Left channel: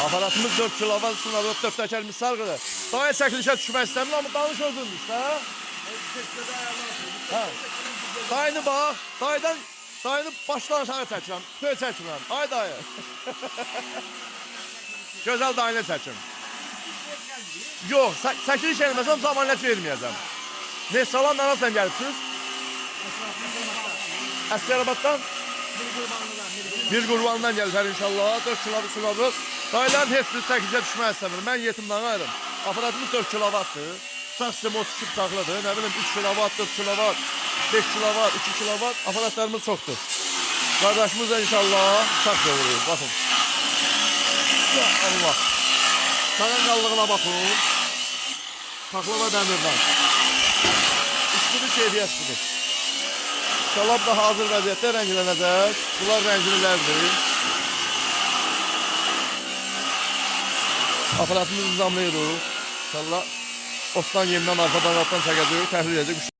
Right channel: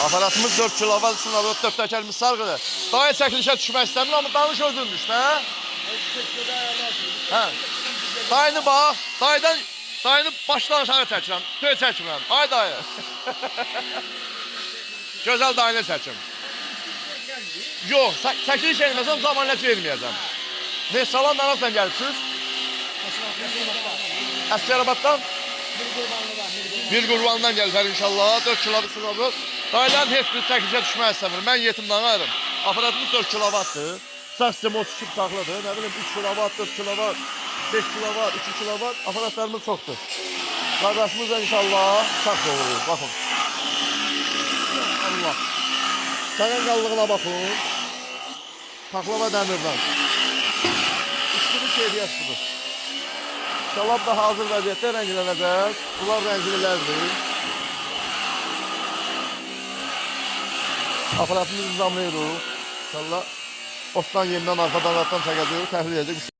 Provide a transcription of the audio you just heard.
Aparatımız 4 kilovat üçün alıyor, 4 təkərimiz sarğıdır. Daha çəkilişə düşmək istəmir, amma danış özündür işte. Hə? Dayını bax, dayını başdan aşağı çəkirəm, göz çəkmirəm. Ay dayı. Gözəl dayını çəkim. Yox, çəkiliş eləməsəm zamanlıq verməyəcəm. Ne salam bana sen gəlirsiniz? Əskərabaddan? Bir qurbandan gəlirlər inşallah. 4 kilovat silahı. Dayıların heç bir çəkicə düşmək istəmir. Mən yetimdən ayrım. Aparatımız 4 kilovatdır. Sağ sistemi 32 taxladır. Ne bileyim 3 kilovat, 4 kilovat, 5 kilovat, 2 kilovat. Aparatlarımız çoxdur. Qardaşımız da inşallah sağ doğruyuz. Baxın. Allah. Sağanqallığına baxın. Taxlava dəmirdən. Üstünü keyfiyyətlidir. Şalab da hazır vəziyyətdə rənglənəcək. Bunlar rənglilərdir. Aparatımızı nizamlayırıq. İnşallah otdan yenidən arxadan çəkəcək, təhlil edəcək.